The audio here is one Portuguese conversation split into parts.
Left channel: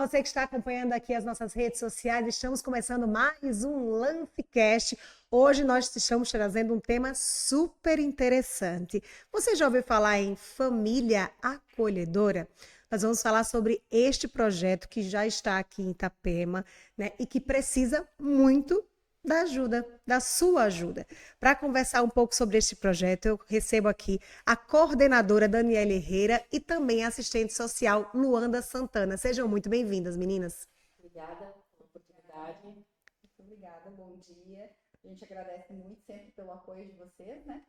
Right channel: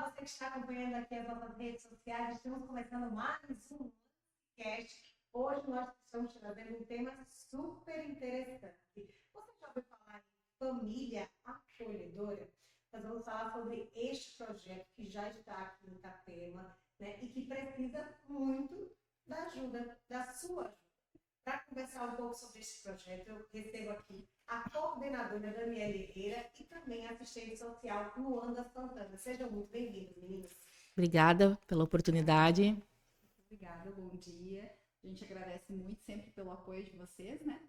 você que está acompanhando aqui as nossas redes sociais, estamos começando mais um LanceCast. Hoje nós estamos trazendo um tema super interessante. Você já ouviu falar em família acolhedora? Nós vamos falar sobre este projeto que já está aqui em Itapema, né, e que precisa muito da ajuda, da sua ajuda. Para conversar um pouco sobre este projeto, eu recebo aqui a coordenadora Daniela Herrera e também a assistente social Luanda Santana. Sejam muito bem-vindas, meninas. Obrigada pela oportunidade. Muito obrigada, bom dia. A gente agradece muito sempre pelo apoio de vocês, né?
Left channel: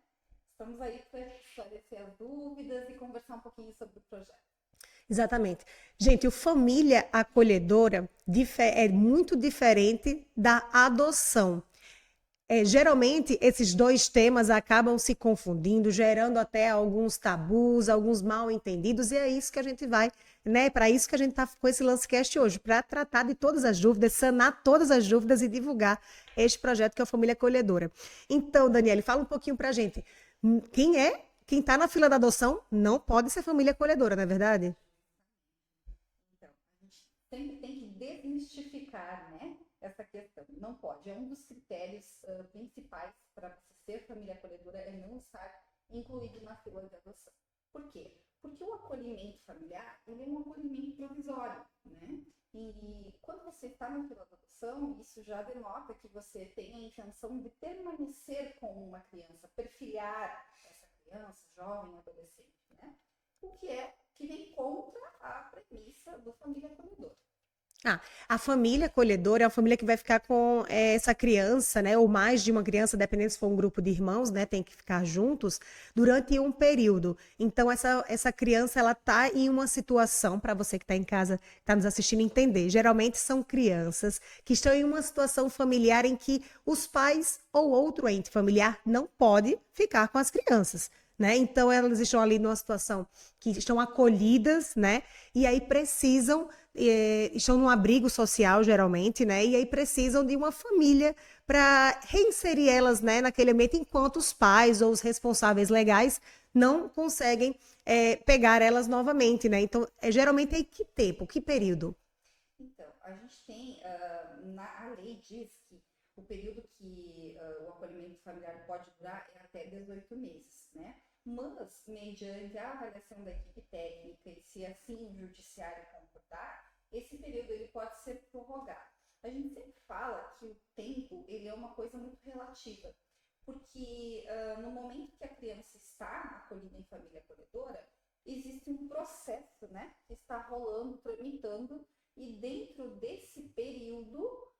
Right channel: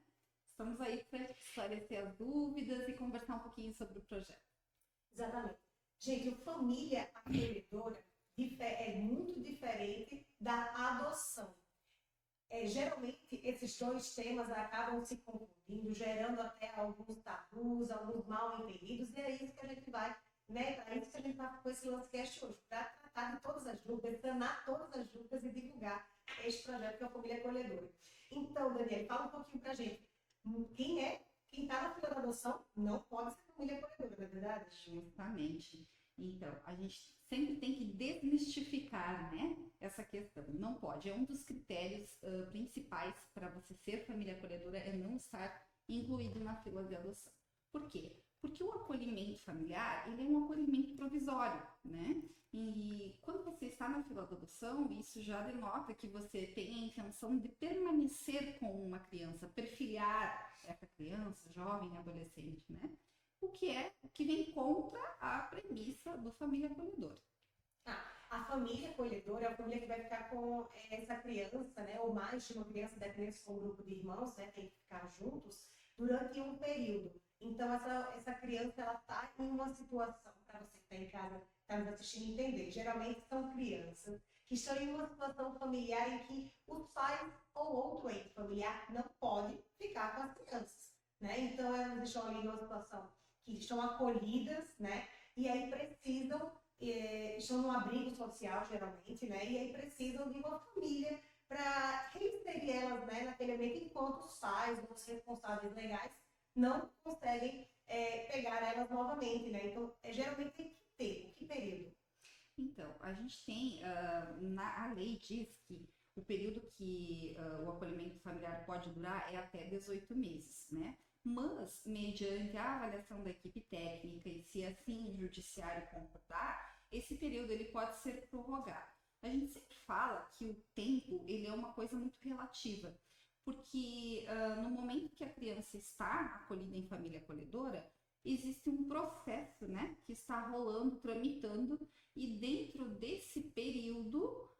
Estamos aí para esclarecer as dúvidas e conversar um pouquinho sobre o projeto. Exatamente. Gente, o família acolhedora é muito diferente da adoção. Geralmente, esses dois temas acabam se confundindo, gerando até alguns tabus, alguns mal-entendidos, e é isso que a gente vai, né? Para isso que a gente está com esse LanceCast hoje, para tratar de todas as dúvidas, sanar todas as dúvidas e divulgar este projeto que é a Família Acolhedora. Então, Daniele, fala um pouquinho para a gente. Quem está na fila da adoção não pode ser família acolhedora, não é verdade? Justamente. Então, a gente sempre tem que desmistificar, né, essa questão. Não pode. É um dos critérios principais para você ser família acolhedora é não estar incluído na fila de adoção. Por quê? Porque o acolhimento familiar, ele é um acolhimento provisório, né? E quando você está na fila de adoção, isso já denota que você tem a intenção de permanecer com uma criança, perfilhar essa criança, jovem, adolescente, né? O que vem contra a premissa do família acolhedora. A família acolhedora é uma família que vai ficar com essa criança, né, ou mais de uma criança, dependendo se for um grupo de irmãos, né, tem que ficar juntos durante um período. Então, essa criança, ela tá em uma situação, para você que está em casa, está nos assistindo, entender. Geralmente são crianças que estão em uma situação familiar em que os pais ou outro ente familiar não pode ficar com as crianças, né? Então, elas estão ali numa situação que estão acolhidas, né? E aí precisam estão num abrigo social, geralmente, né? E aí precisam de uma família para reinserir elas, né, naquele ambiente, enquanto os pais ou os responsáveis legais não conseguem pegar elas novamente, né? Então, geralmente é que tempo, que período? Então, a gente tem, a lei diz que o período que o acolhimento familiar pode durar é até 18 meses, né? Mas, mediante a avaliação da equipe técnica e se assim o judiciário concordar, esse período ele pode ser prorrogado. A gente sempre fala que o tempo ele é uma coisa muito relativa, porque no momento que a criança está acolhida em família acolhedora, existe um processo, né, que está rolando, tramitando, e dentro desse período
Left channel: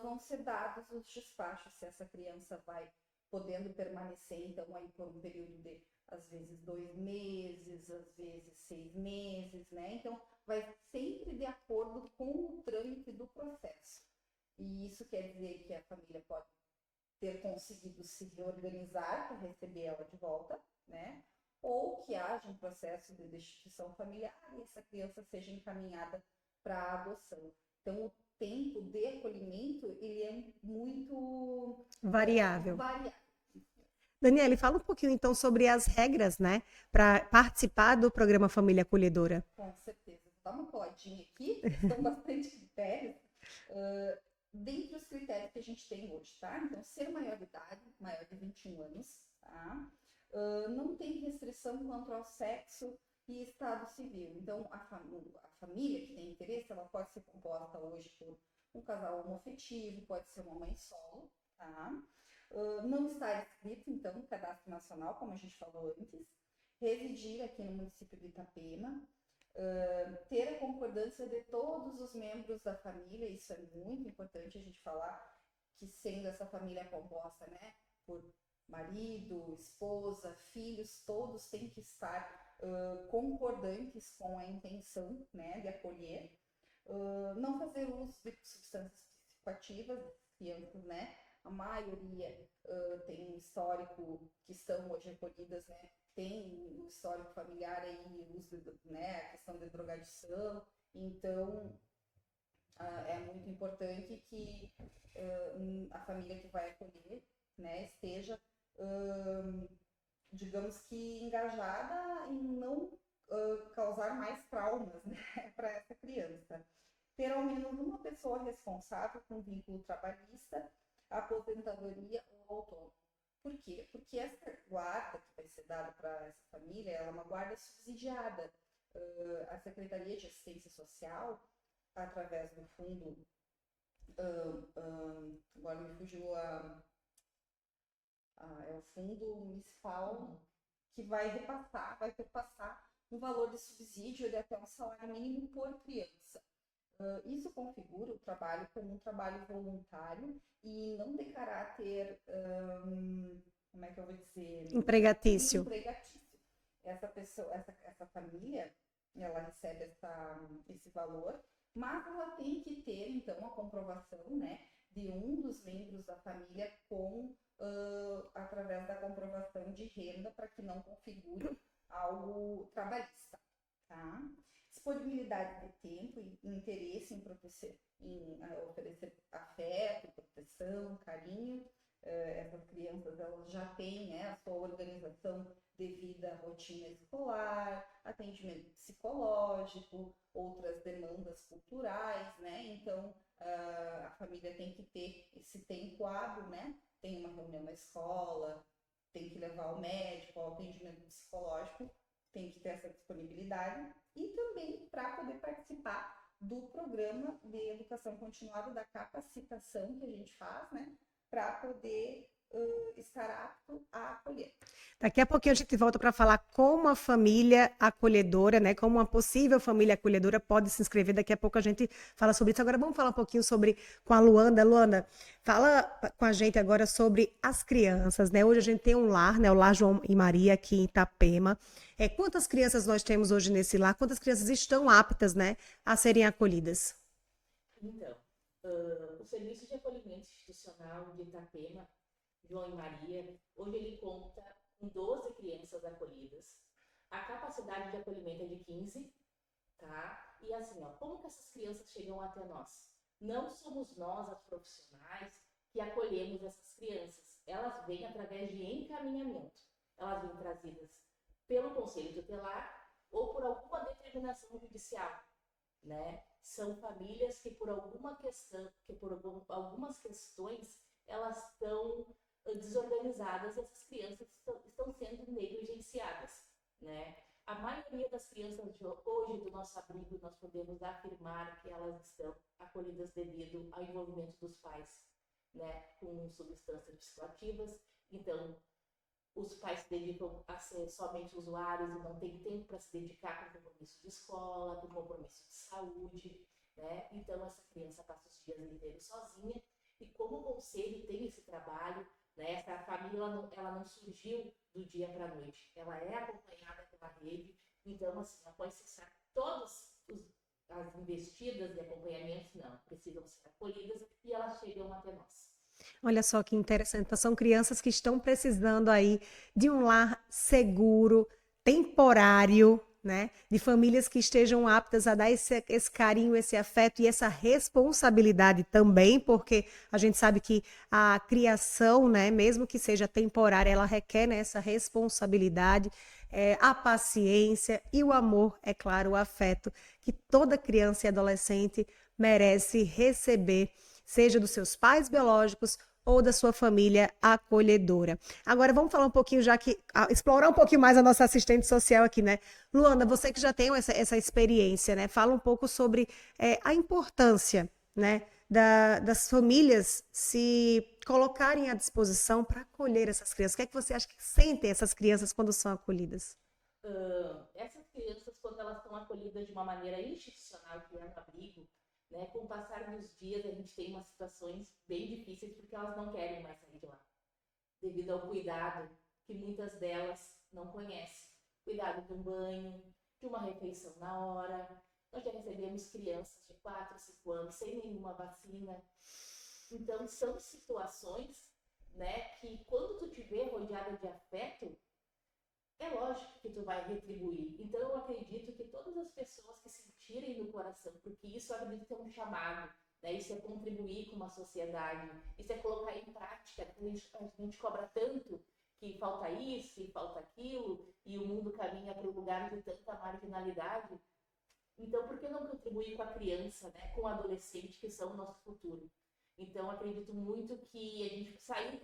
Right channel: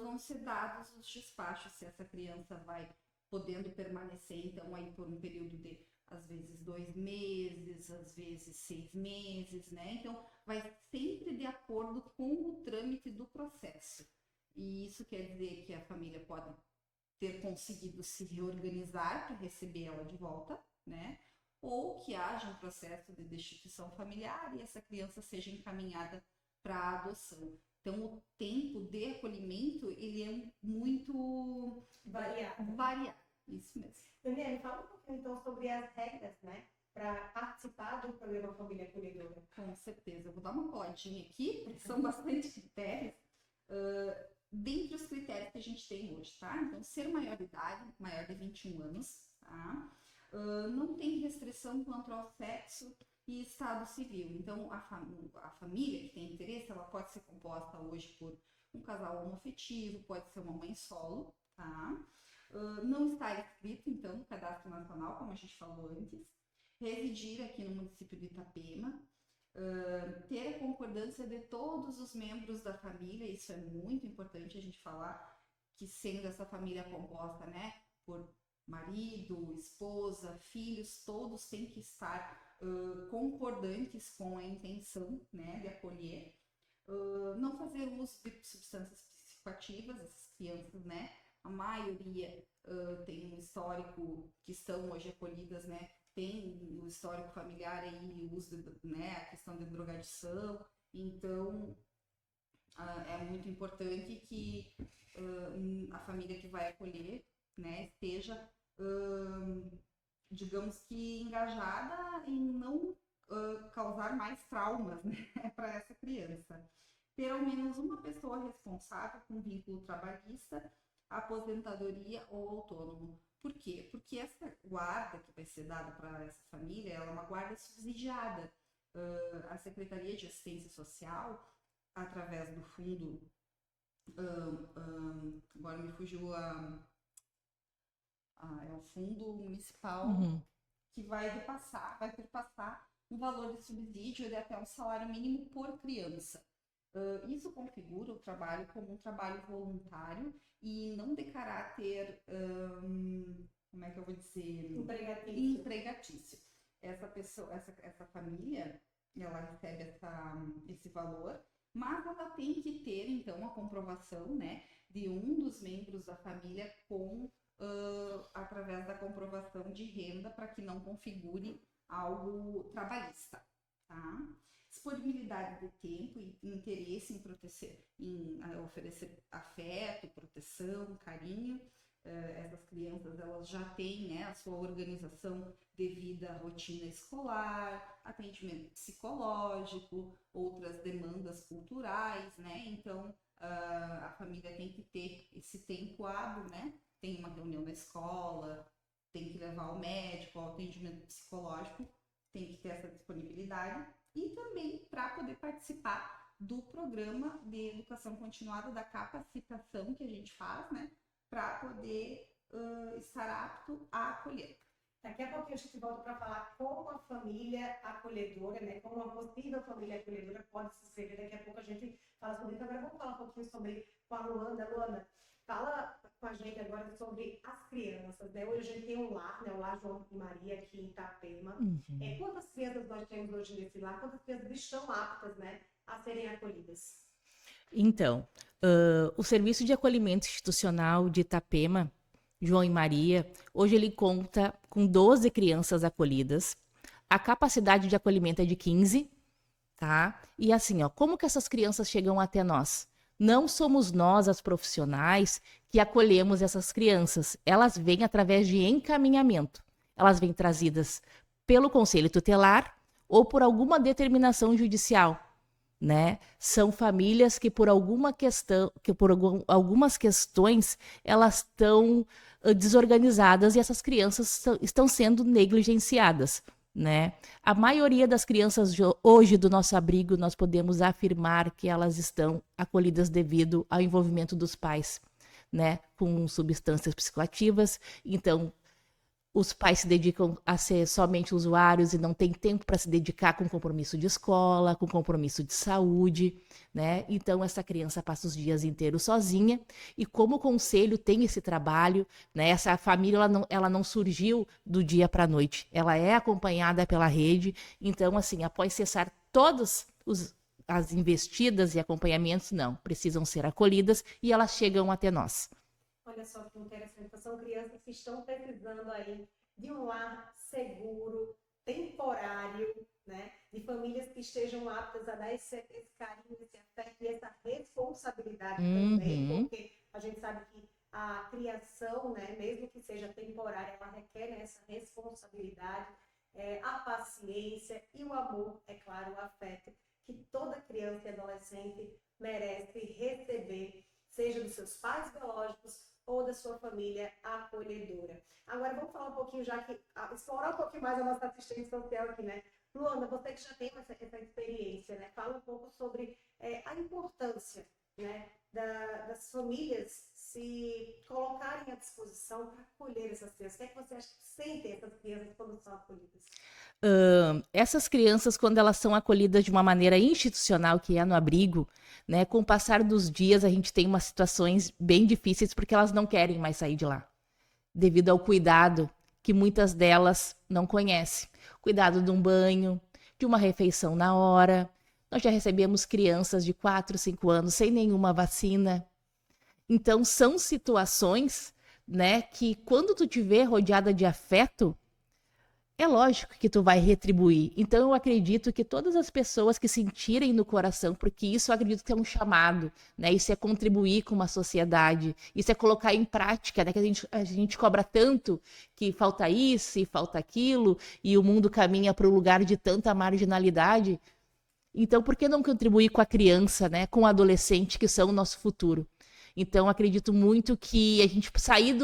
vão ser dados os despachos, se essa criança vai podendo permanecer, então, aí por um período de, às vezes, 2 meses, às vezes 6 meses, né? Então, vai sempre de acordo com o trâmite do processo. E isso quer dizer que a família pode ter conseguido se reorganizar para receber ela de volta, né? Ou que haja um processo de destituição familiar e essa criança seja encaminhada para a adoção. Então, o tempo de acolhimento, ele é muito Variável. variável. Isso mesmo. Daniele, fala um pouquinho então sobre as regras, né, para participar do programa Família Acolhedora. Com certeza. Eu vou dar uma coladinha aqui, são bastante critérios. Dentre os critérios que a gente tem hoje, tá? Então, ser maior de idade, maior de 21 anos, tá? Não tem restrição quanto ao sexo e estado civil. Então, a família que tem interesse, ela pode ser composta hoje por um casal homoafetivo, pode ser uma mãe solo, tá? Não está inscrito, então, no Cadastro Nacional, como a gente falou antes, residir aqui no município de Itapema, ter a concordância de todos os membros da família, isso é muito importante a gente falar, que sendo essa família composta, né, por marido, esposa, filhos, todos têm que estar concordantes com a intenção, né, de acolher, não fazer uso de substâncias psicoativas, essas crianças, né, a maioria tem um histórico que estão hoje acolhidas, né, tem o histórico familiar aí, o uso, né, a questão da drogadição, então é muito importante que a família que vai acolher, né, esteja, digamos que engajada em não causar mais traumas, né, para essa criança. ter ao menos uma pessoa responsável com vínculo trabalhista, aposentadoria ou autônomo. Por quê? Porque essa guarda que vai ser dada para essa família, ela é uma guarda subsidiada. A Secretaria de Assistência Social, através do fundo, agora me fugiu é o fundo municipal, que vai perpassar um valor de subsídio de até um salário mínimo por criança. Isso configura o trabalho como um trabalho voluntário e não de caráter, como é que eu vou dizer? Empregatício. Essa família, ela recebe esse valor, mas ela tem que ter, então, a comprovação, né, de um dos membros da família através da comprovação de renda, para que não configure algo trabalhista, tá? Disponibilidade de tempo e interesse em oferecer afeto, proteção, carinho. Essas crianças, elas já têm, né, a sua organização devido à rotina escolar, atendimento psicológico, outras demandas culturais, né? Então, a família tem que ter esse tempo hábil, né? Tem uma reunião na escola, tem que levar ao médico, ao atendimento psicológico, tem que ter essa disponibilidade. E também para poder participar do programa de educação continuada, da capacitação que a gente faz, né? Para poder estar apto a acolher. Daqui a pouquinho a gente volta para falar como a família acolhedora, né? Como uma possível família acolhedora pode se inscrever. Daqui a pouco a gente fala sobre isso. Agora vamos falar um pouquinho com a Luanda. Luanda, fala com a gente agora sobre as crianças, né? Hoje a gente tem um lar, né? O Lar João e Maria aqui em Itapema. Quantas crianças nós temos hoje nesse lar? Quantas crianças estão aptas, né, a serem acolhidas? Então, o Serviço de Acolhimento Institucional de Itapema, João e Maria, hoje ele conta com 12 crianças acolhidas. A capacidade de acolhimento é de 15, tá? E assim, ó, como que essas crianças chegam até nós? Não somos nós, as profissionais, que acolhemos essas crianças. Elas vêm através de encaminhamento. Elas vêm trazidas pelo Conselho Tutelar ou por alguma determinação judicial, né? São famílias que por alguma questão, algumas questões, elas estão desorganizadas e essas crianças estão sendo negligenciadas, né? A maioria das crianças hoje do nosso abrigo, nós podemos afirmar que elas estão acolhidas devido ao envolvimento dos pais, né? Com substâncias psicoativas. Então, os pais se dedicam a ser somente usuários e não tem tempo para se dedicar com compromisso de escola, com compromisso de saúde, né? Então, essa criança passa os dias inteiros sozinha. E como o conselho tem esse trabalho, né? Essa família ela não surgiu do dia para a noite. Ela é acompanhada pela rede. Então, assim, após cessar todas as investidas e acompanhamentos, não, precisam ser acolhidas e elas chegam até nós. Olha só que interessante. Então, são crianças que estão precisando aí de um lar seguro, temporário, né? De famílias que estejam aptas a dar esse carinho, esse afeto e essa responsabilidade também, porque a gente sabe que a criação, né, mesmo que seja temporária, ela requer, né, essa responsabilidade, a paciência e o amor, é claro, o afeto que toda criança e adolescente merece receber, seja dos seus pais biológicos ou da sua família acolhedora. Agora vamos falar um pouquinho, explorar um pouquinho mais a nossa assistente social aqui, né? Luanda, você que já tem essa experiência, né? Fala um pouco sobre a importância, né, das famílias se colocarem à disposição para acolher essas crianças. O que é que você acha que sentem essas crianças quando são acolhidas? Essas crianças, quando elas são acolhidas de uma maneira institucional, que é no abrigo, né, com o passar dos dias, a gente tem umas situações bem difíceis porque elas não querem mais sair de lá, devido ao cuidado que muitas delas não conhecem. Cuidado de um banho, de uma refeição na hora. Nós já recebemos crianças de 4, 5 anos sem nenhuma vacina. Então, são situações, né, que quando tu te vê rodeada de afeto, é lógico que tu vai retribuir. Então, eu acredito que todas as pessoas que sentirem no coração, porque isso eu acredito que é um chamado, né? Isso é contribuir com uma sociedade, isso é colocar em prática, né? Que a gente cobra tanto que falta isso e falta aquilo, e o mundo caminha para um lugar de tanta marginalidade. Então, por que não contribuir com a criança, né, com o adolescente, que são o nosso futuro? Então, acredito muito que a gente sair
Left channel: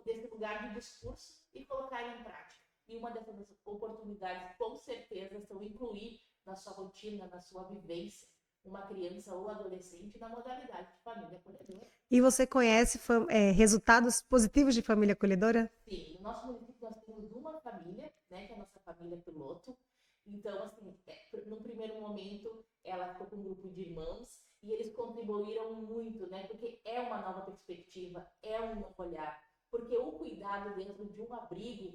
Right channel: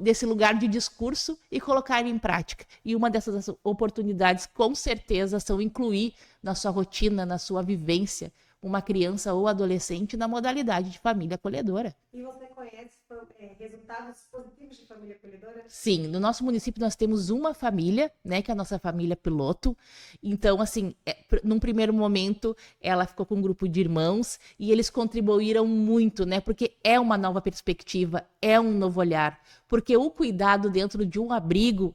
desse lugar de discurso e colocar ele em prática. E uma dessas oportunidades, com certeza, são incluir na sua rotina, na sua vivência, uma criança ou adolescente na modalidade de família acolhedora. E você conhece resultados positivos de família acolhedora? Sim, no nosso município nós temos uma família, né, que é a nossa família piloto. Então, assim, num primeiro momento, ela ficou com um grupo de irmãos e eles contribuíram muito, né, porque é uma nova perspectiva, é um novo olhar. Porque o cuidado dentro de um abrigo,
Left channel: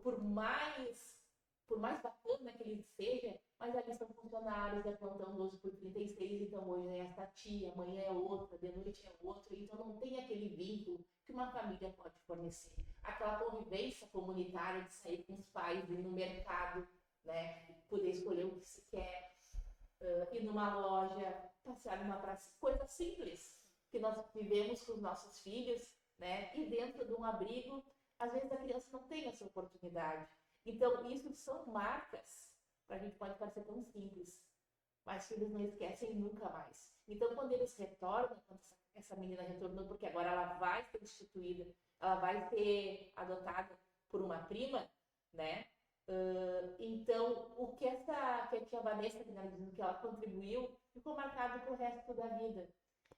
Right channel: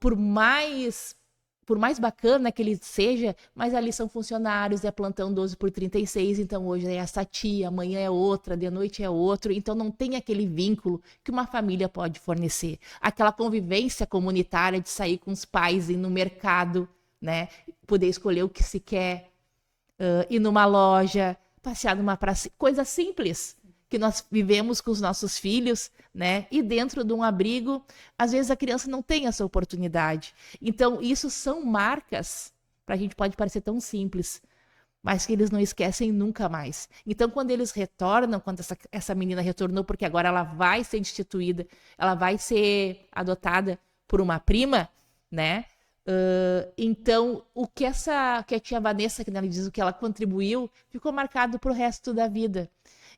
por mais bacana que ele seja, mas ali são funcionários, é plantão 12/36, então hoje é essa tia, amanhã é outra, de noite é outro, então não tem aquele vínculo que uma família pode fornecer. Aquela convivência comunitária de sair com os pais, ir no mercado, né, poder escolher o que se quer, ir numa loja, passear numa praça, coisa simples que nós vivemos com os nossos filhos, né? E dentro de um abrigo, às vezes a criança não tem essa oportunidade. Então, isso são marcas, para a gente pode parecer tão simples, mas que eles não esquecem nunca mais. Então, quando eles retornam, quando essa menina retornou, porque agora ela vai ser instituída, ela vai ser adotada por uma prima, né? Então, o que que a tia Vanessa, que ela diz o que ela contribuiu, ficou marcado para o resto da vida.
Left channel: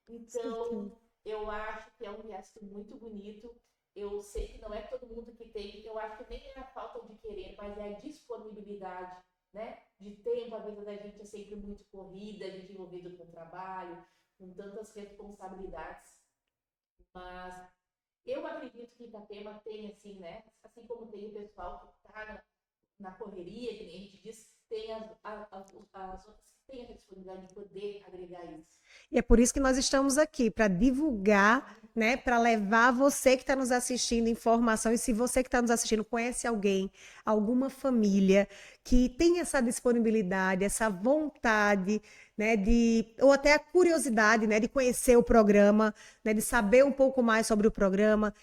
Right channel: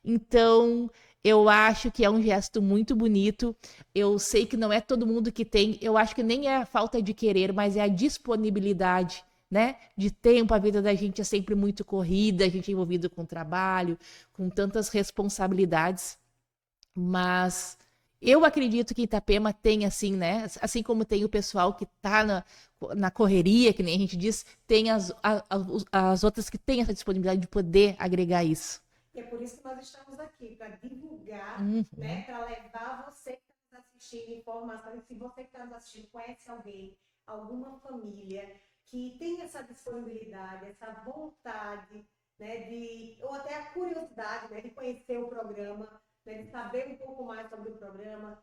Então, eu acho que é um gesto muito bonito. Eu sei que não é todo mundo que tem. Eu acho que nem é a falta de querer, mas é a disponibilidade, né? De tempo. A vida da gente é sempre muito corrida, a gente é envolvido com trabalho, com tantas responsabilidades. Mas eu acredito que Itapema tem, assim, né? Assim como tem o pessoal que está na correria, que nem a gente diz, tem as outras que têm essa disponibilidade de poder agregar isso. E é por isso que nós estamos aqui, para divulgar, né, Uhum. para levar você que está nos assistindo informação. E se você que está nos assistindo conhece alguém, alguma família que tem essa disponibilidade, essa vontade, né, ou até a curiosidade, né, de conhecer o programa, né, de saber um pouco mais sobre o programa,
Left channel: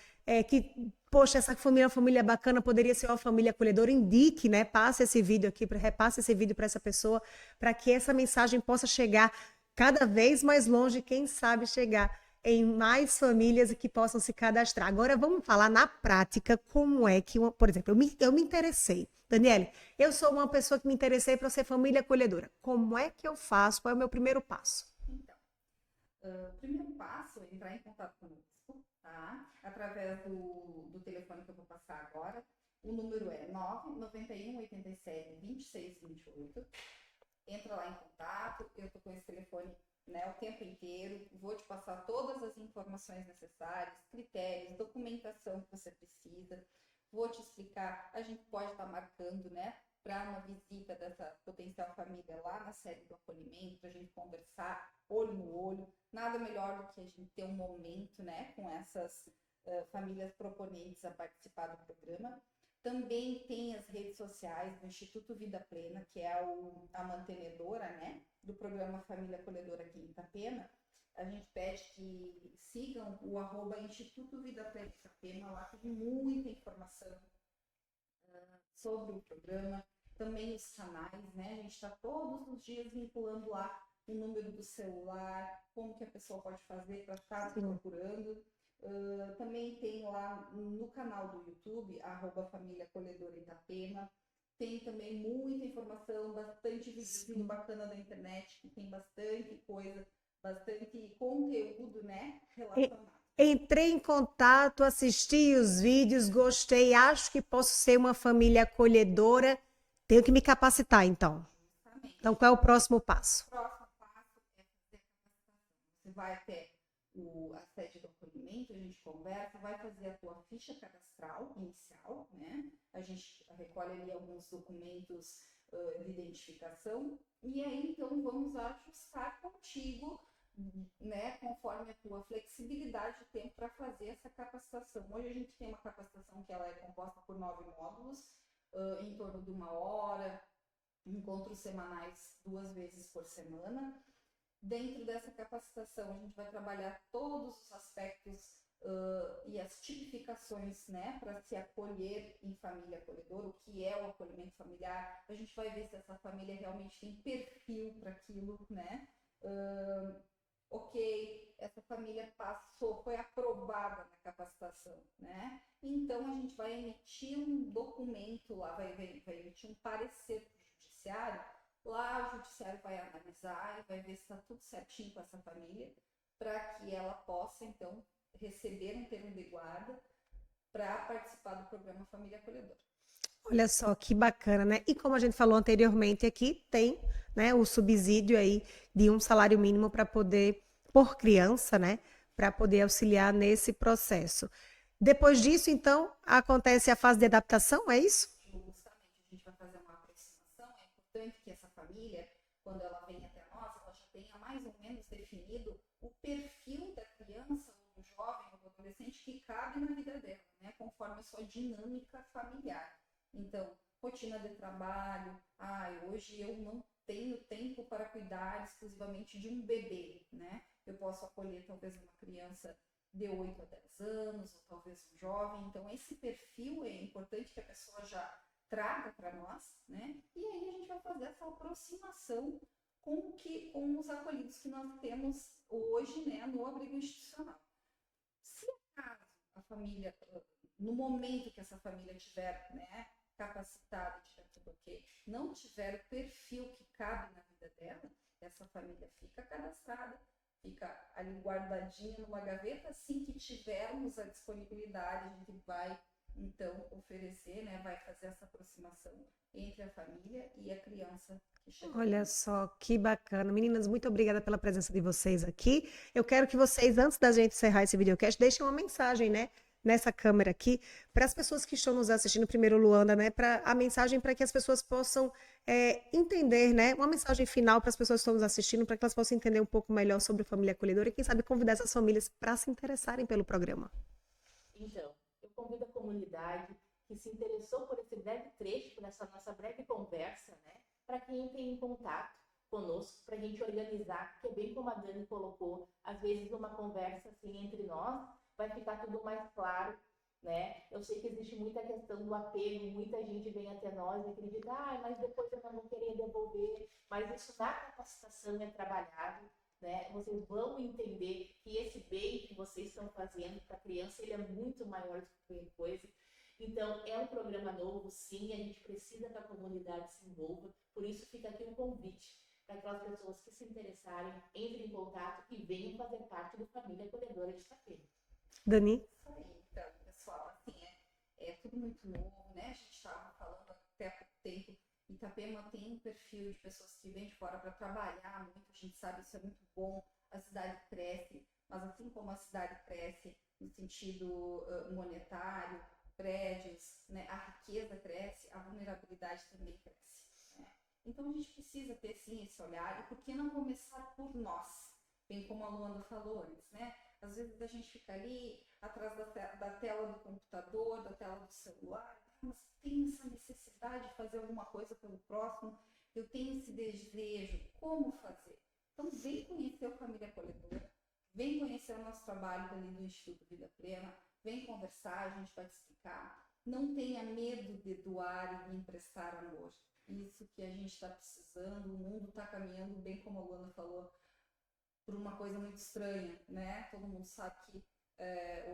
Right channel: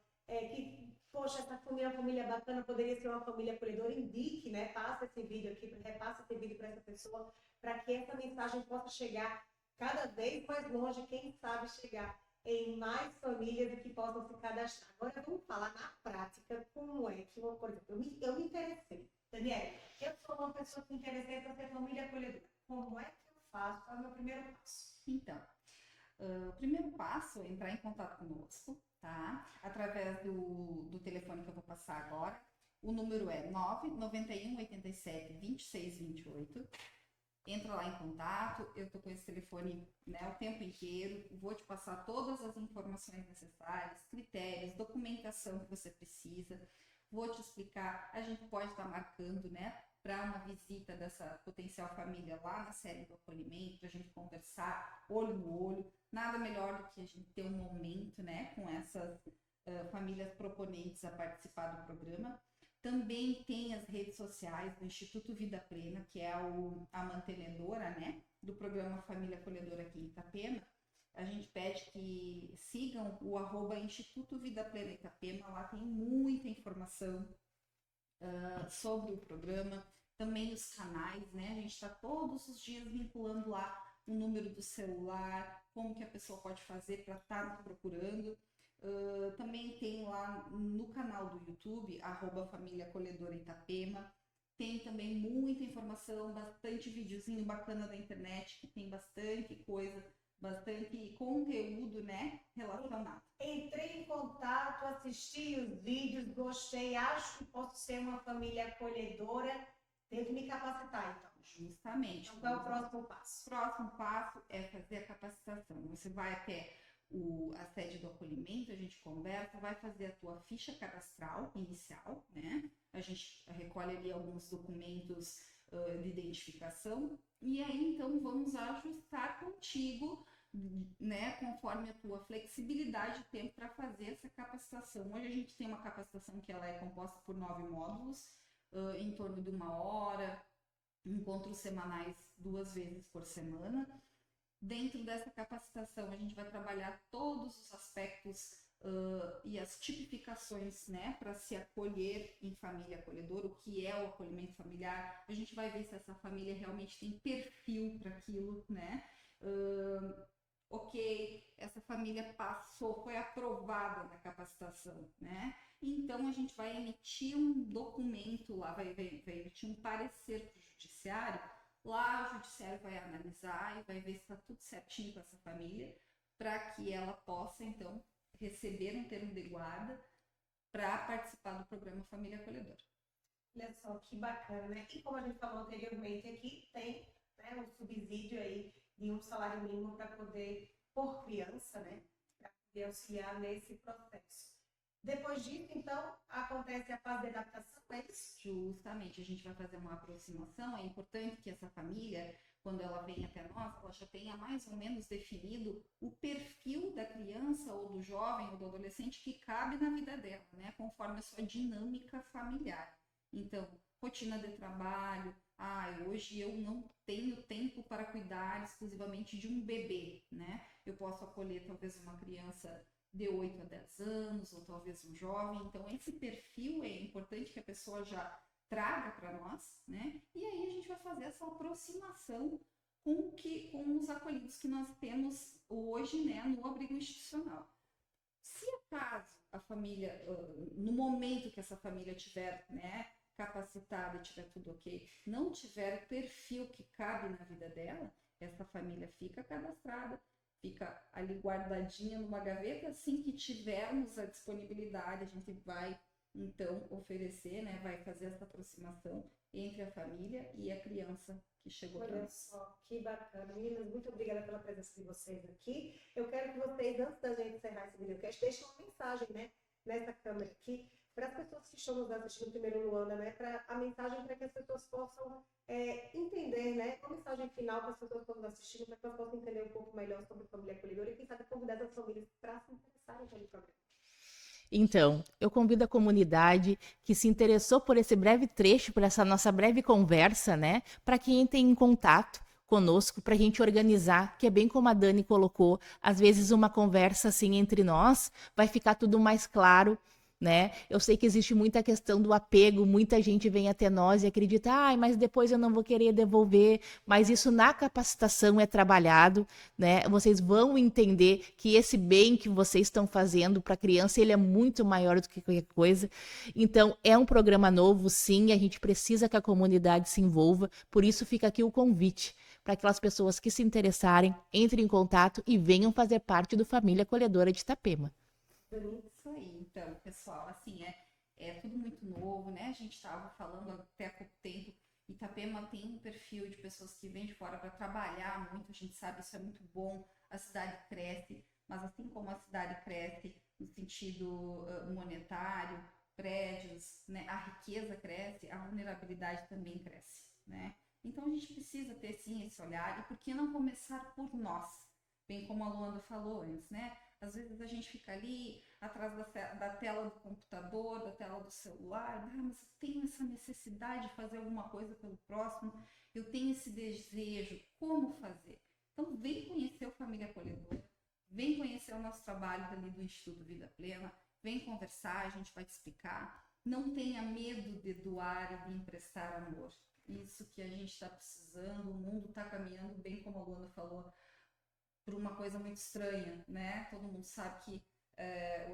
que, poxa, essa família é uma família bacana, poderia ser uma família acolhedora, indique, né, passe esse vídeo aqui, repasse esse vídeo para essa pessoa, para que essa mensagem possa chegar cada vez mais longe, quem sabe chegar em mais famílias que possam se cadastrar. Agora vamos falar na prática como é que, por exemplo, eu me interessei. Daniele, eu sou uma pessoa que me interessei para ser família acolhedora. Como é que eu faço? Qual é o meu primeiro passo? Então, o primeiro passo é entrar em contato conosco, tá? Através do telefone que eu vou passar agora. O número é 991 87 26 28. Entra lá em contato, eu tô com esse telefone, né, o tempo inteiro, vou te passar todas as informações necessárias, critérios, documentação que você precisa, vou te explicar, a gente pode estar marcando, né, para uma visita dessa potencial família lá na sede do acolhimento, para a gente conversar olho no olho, nada melhor do que a gente ter um momento, né, com essas famílias proponentes a participar do programa. Também tem as redes sociais do Instituto Vida Plena, que é a mantenedora, né, do programa Família Acolhedora aqui em Itapema. A gente pede que sigam o @Instituto Vida Plena Itapema, lá tem muita informação sobre o programa, também os canais, né, a gente está todos os dias vinculando lá o número do celular, como que a pessoa pode fazer para estar procurando. Também tem lá no canal do YouTube, @Família Acolhedora Itapema. Tem também muita informação, bastante videozinho bacana na internet, que tem bastante coisa, bastante conteúdo, né, relacionado. Entrei em contato, assisti os vídeos, gostei, acho que posso ser uma família acolhedora. Tenho que me capacitar, então. Justamente. Então, qual é o próximo passo? O próximo passo é fazer a capacitação. Você vai até a sede do acolhimento, a gente conversa, vai fazer a tua ficha cadastral inicial, né? A gente recolhe ali alguns documentos de identificação e aí então vamos ajustar contigo, né, conforme a tua flexibilidade de tempo para fazer essa capacitação. Hoje a gente tem uma capacitação que ela é composta por 9 módulos, em torno de 1 hora, encontros semanais 2 vezes por semana. Dentro dessa capacitação, a gente vai trabalhar todos os aspectos e as tipificações, né, para se acolher em família acolhedora, o que é o acolhimento familiar. A gente vai ver se essa família realmente tem perfil para aquilo, né? Ok, essa família passou, foi aprovada na capacitação, né? Então a gente vai emitir um documento lá, vai emitir um parecer para o judiciário. Lá o judiciário vai analisar e vai ver se está tudo certinho com essa família, para que ela possa, então, receber um termo de guarda para participar do programa Família Acolhedora. Olha só que bacana, né? E como a gente falou anteriormente aqui, tem, né, o subsídio aí de um salário mínimo para poder, por criança, né, para poder auxiliar nesse processo. Depois disso, então, acontece a fase de adaptação, é isso? Justamente, a gente vai fazer uma aproximação. É importante que essa família, quando ela vem até nós, ela já tenha mais ou menos definido o perfil da criança ou do jovem ou do adolescente que cabe na vida dela, né, conforme a sua dinâmica familiar. Então, rotina de trabalho, hoje eu não tenho tempo para cuidar exclusivamente de um bebê, né? Eu posso acolher talvez uma criança de 8 a 10 anos, ou talvez um jovem. Então, esse perfil é importante que a pessoa já traga para nós, né? E aí a gente vai fazer essa aproximação com os acolhidos que nós temos hoje, né, no abrigo institucional. Se acaso a família, no momento que essa família tiver, né, capacitada e tiver tudo ok, não tiver o perfil que cabe na vida dela, essa família fica cadastrada, fica ali guardadinha numa gaveta. Assim que tivermos a disponibilidade, a gente vai então oferecer, né, vai fazer essa aproximação entre a família e a criança que chegou. Olha só que bacana. Meninas, muito obrigada pela presença de vocês aqui. Eu quero que vocês, antes da gente encerrar esse videocast, deixem uma mensagem, né, nessa câmera aqui, para as pessoas que estão nos assistindo, primeiro Luanda, né, a mensagem para que as pessoas possam entender, né, uma mensagem final para as pessoas que estão nos assistindo, para que elas possam entender um pouco melhor sobre a família acolhedora e, quem sabe, convidar essas famílias para se interessarem pelo programa. Então, eu convido a comunidade que se interessou por esse breve trecho, por essa nossa breve conversa, né, para que entrem em contato conosco, para a gente organizar, que é bem como a Dani colocou, às vezes uma conversa assim entre nós vai ficar tudo mais claro, né? Eu sei que existe muita questão do apego, muita gente vem até nós e acredita, mas depois eu não vou querer devolver, mas isso na capacitação é trabalhado, né? Vocês vão entender que esse bem que vocês estão fazendo para a criança, ele é muito maior do que qualquer coisa. Então, é um programa novo, sim, a gente precisa que a comunidade se envolva, por isso fica aqui o convite para aquelas pessoas que se interessarem, entrem em contato e venham fazer parte do Família Acolhedora de Itapema. Dani? Isso aí, então, pessoal, assim, é tudo muito novo, né? A gente estava falando até há pouco tempo, Itapema tem um perfil de pessoas que vêm de fora para trabalhar muito, a gente sabe, isso é muito bom, a cidade cresce, mas assim como a cidade cresce no sentido monetário, prédios, né, a riqueza cresce, a vulnerabilidade também cresce, né? Então a gente precisa ter sim esse olhar, e por que não começar por nós? Bem como a Luanda falou antes, né? Às vezes a gente fica ali atrás da tela do computador, da tela do celular, mas eu tenho essa necessidade de fazer alguma coisa pelo próximo, eu tenho esse desejo, como fazer? Então vem conhecer o Família Acolhedora, vem conhecer o nosso trabalho ali do Instituto Vida Plena, vem conversar, a gente vai te explicar. Não tenha medo de doar e de emprestar amor. Isso que a gente está precisando, o mundo está caminhando, bem como a Luanda falou, por uma coisa muito estranha, né? Todo mundo sabe que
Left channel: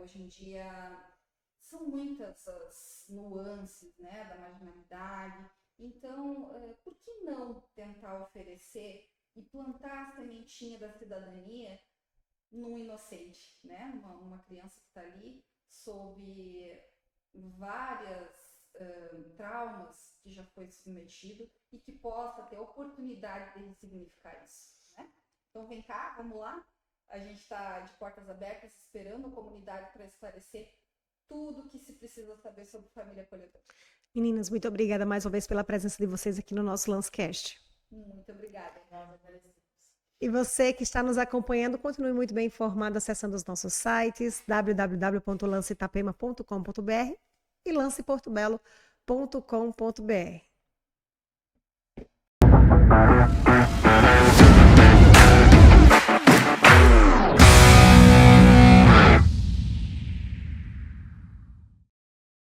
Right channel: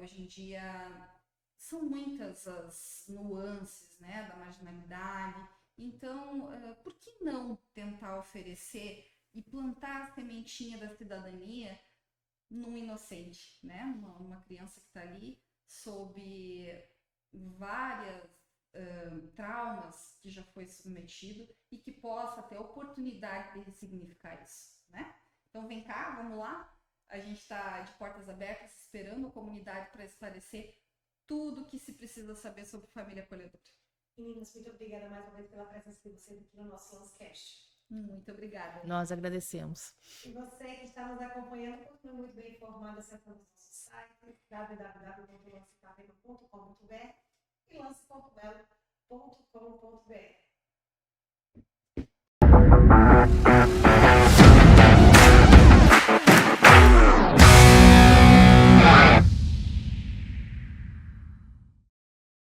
hoje em dia são muitas as nuances, né, da marginalidade. Então, por que não tentar oferecer e plantar a sementinha da cidadania num inocente, né? Uma criança que está ali sob várias traumas que já foi submetido e que possa ter a oportunidade de ressignificar isso, né? Então vem cá, vamos lá. A gente está de portas abertas esperando a comunidade para esclarecer tudo que se precisa saber sobre Família Acolhedora. Meninas, muito obrigada mais uma vez pela presença de vocês aqui no nosso Lancecast. Muito obrigada. Nós agradecemos. E você que está nos acompanhando, continue muito bem informado acessando os nossos sites www.lanceitapema.com.br e lanceportobelo.com.br.